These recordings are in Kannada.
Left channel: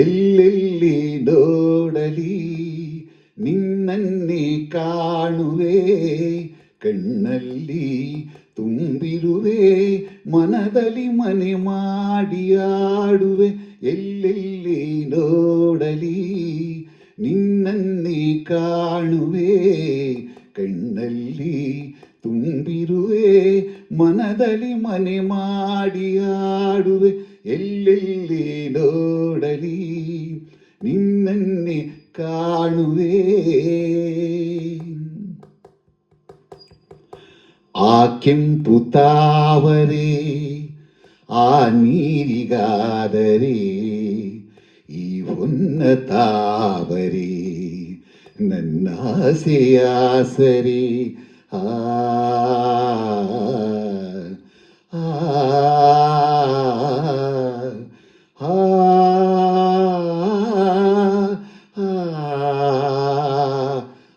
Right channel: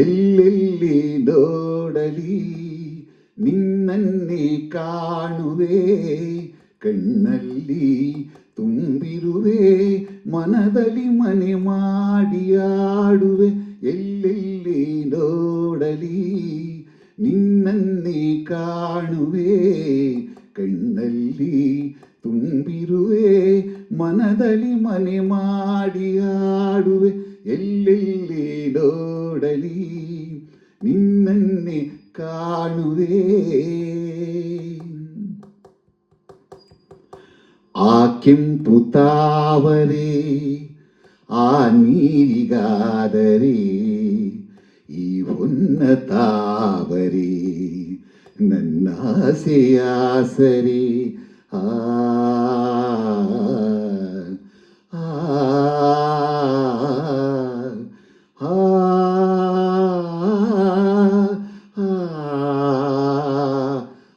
ಎಲ್ಲೆಲ್ಲಿ ನೋಡಲಿ ನಿನ್ನನ್ನೇ ಕಾಣುವೆ, ಕಣ್ಣಲ್ಲಿ ತುಂಬಿರುವೆ, ಮನದಲ್ಲಿ ಮನೆ ಮಾಡಿ ಆಡುವೆ. ಎಲ್ಲೆಲ್ಲಿ ನೋಡಲಿ ನಿನ್ನನ್ನೇ ಕಾಣುವೆ, ಕಣ್ಣಲ್ಲಿ ತುಂಬಿರುವೆ, ಮನದಲ್ಲಿ ಮನೆ ಮಾಡಿ ಆಡುವೆ. ಎಲ್ಲೆಲ್ಲಿ ನೋಡಲಿ ನಿನ್ನನ್ನೇ ಕಾಣುವೆ. ಆ ಕೆಂಪು ತಾವರೆ ಆ ನೀರಿಗಾದರೆ, ಈ ಹೊನ್ನ ತಾವರೆ ನನ್ನ ಆಸೆಯಾಸರೆ. ಆ ಆ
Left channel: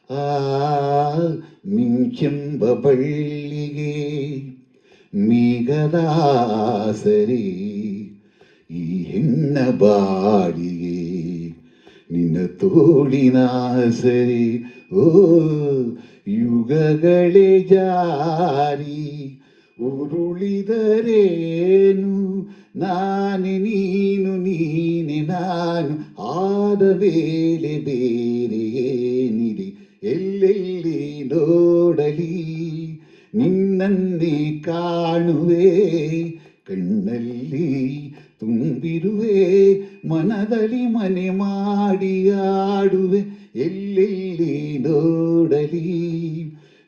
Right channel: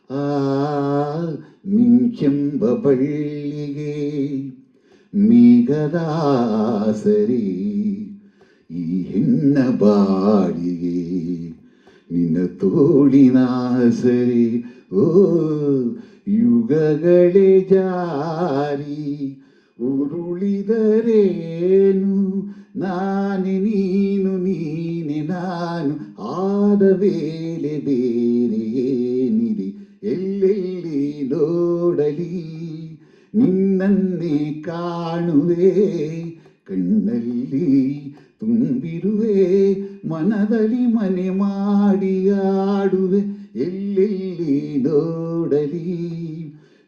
ಆ ಮಿಂಚೆಂಬ ಬಳ್ಳಿಗೆ ಮೇಘದಾಸರಿ, ಈ ಹೆಣ್ಣ ಬಾಳಿಗೆ ನಿನ್ನ ತೋಳಿನ ಸರಿ. ಓ ಯುಗಗಳೇ ಜಾರಿ ಉರುಳಿದರೇನು, ನಾನೇ ನೀನು ನೀನೆ ನಾನು, ಆದ ವೇಳೆ ಬೇರೆ ಏನಿದೆ. ಎಲ್ಲೆಲ್ಲಿ ನೋಡಲಿ ನಿನ್ನನ್ನೇ ಕಾಣುವೆ, ಕಣ್ಣಲ್ಲಿ ತುಂಬಿರುವೆ, ಮನದಲ್ಲಿ ಮನೆ ಮಾಡಿ ಆಡುವೆ. ಎಲ್ಲೆಲ್ಲಿ ನೋಡಲಿ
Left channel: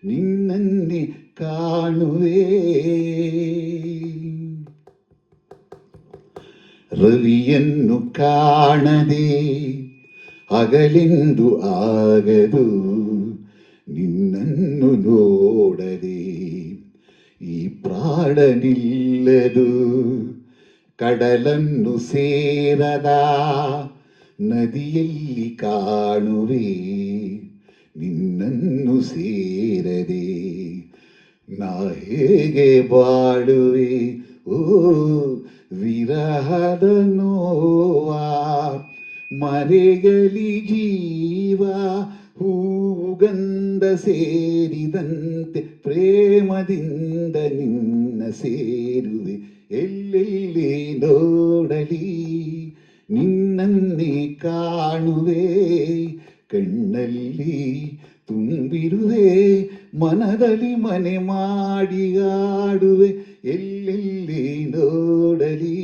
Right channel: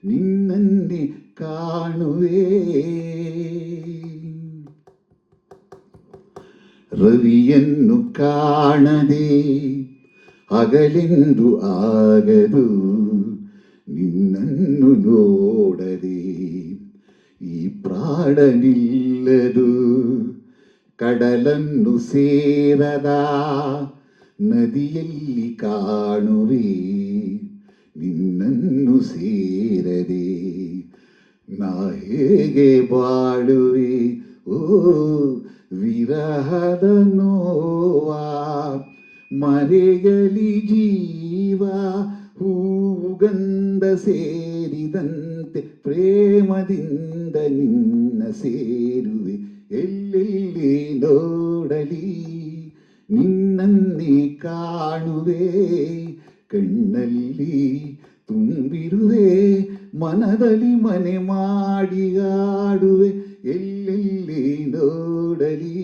ನಿನ್ನನ್ನೇ ಕಾಣುವೆ. ರವಿಯನ್ನು ಕಾಣದೆ ಹಗಲೆಂದು ಆಗದು, ನಿನ್ನನ್ನು ನೋಡದೆ ಈ ಪ್ರಾಣ ನಿಲ್ಲದು. ಕಡಲನ್ನು ಸೇರದ ನದಿಯಲ್ಲಿ ಕಾಣುವೆ, ನಿನ್ನನ್ನು ಸೇರದೆ ನಾ ಹೇಗೆ ಬಾಳುವೆ. ಓ ವಿರಹದ ನೋವಾ ಮರೆಯಲಿ ಜೀವ, ಹೂಗಂಧ ಸೇರಿದಂತೆ ಪ್ರೇಮದಿಂದ ನಿನ್ನ ಸೇರುವೆ. ಎಲ್ಲೆಲ್ಲಿ ನೋಡಲಿ ನಿನ್ನನ್ನೇ ಕಾಣುವೆ, ಕಣ್ಣಲ್ಲಿ ತುಂಬಿರುವೆ, ಮನದಲ್ಲಿ ಮನೆ ಮಾಡಿ ಆಡುವೆ. ಎಲ್ಲೆಲ್ಲಿ ನೋಡಲಿ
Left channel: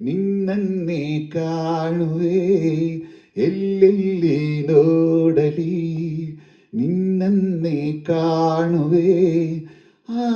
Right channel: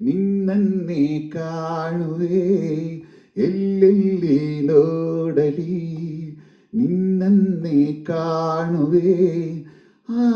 ನಿನ್ನನ್ನೇ ಕಾಣುವೆ, ಎಲ್ಲೆಲ್ಲಿ ನೋಡಲಿ ನಿನ್ನನ್ನೇ ಕಾಣುವೆ. ಆ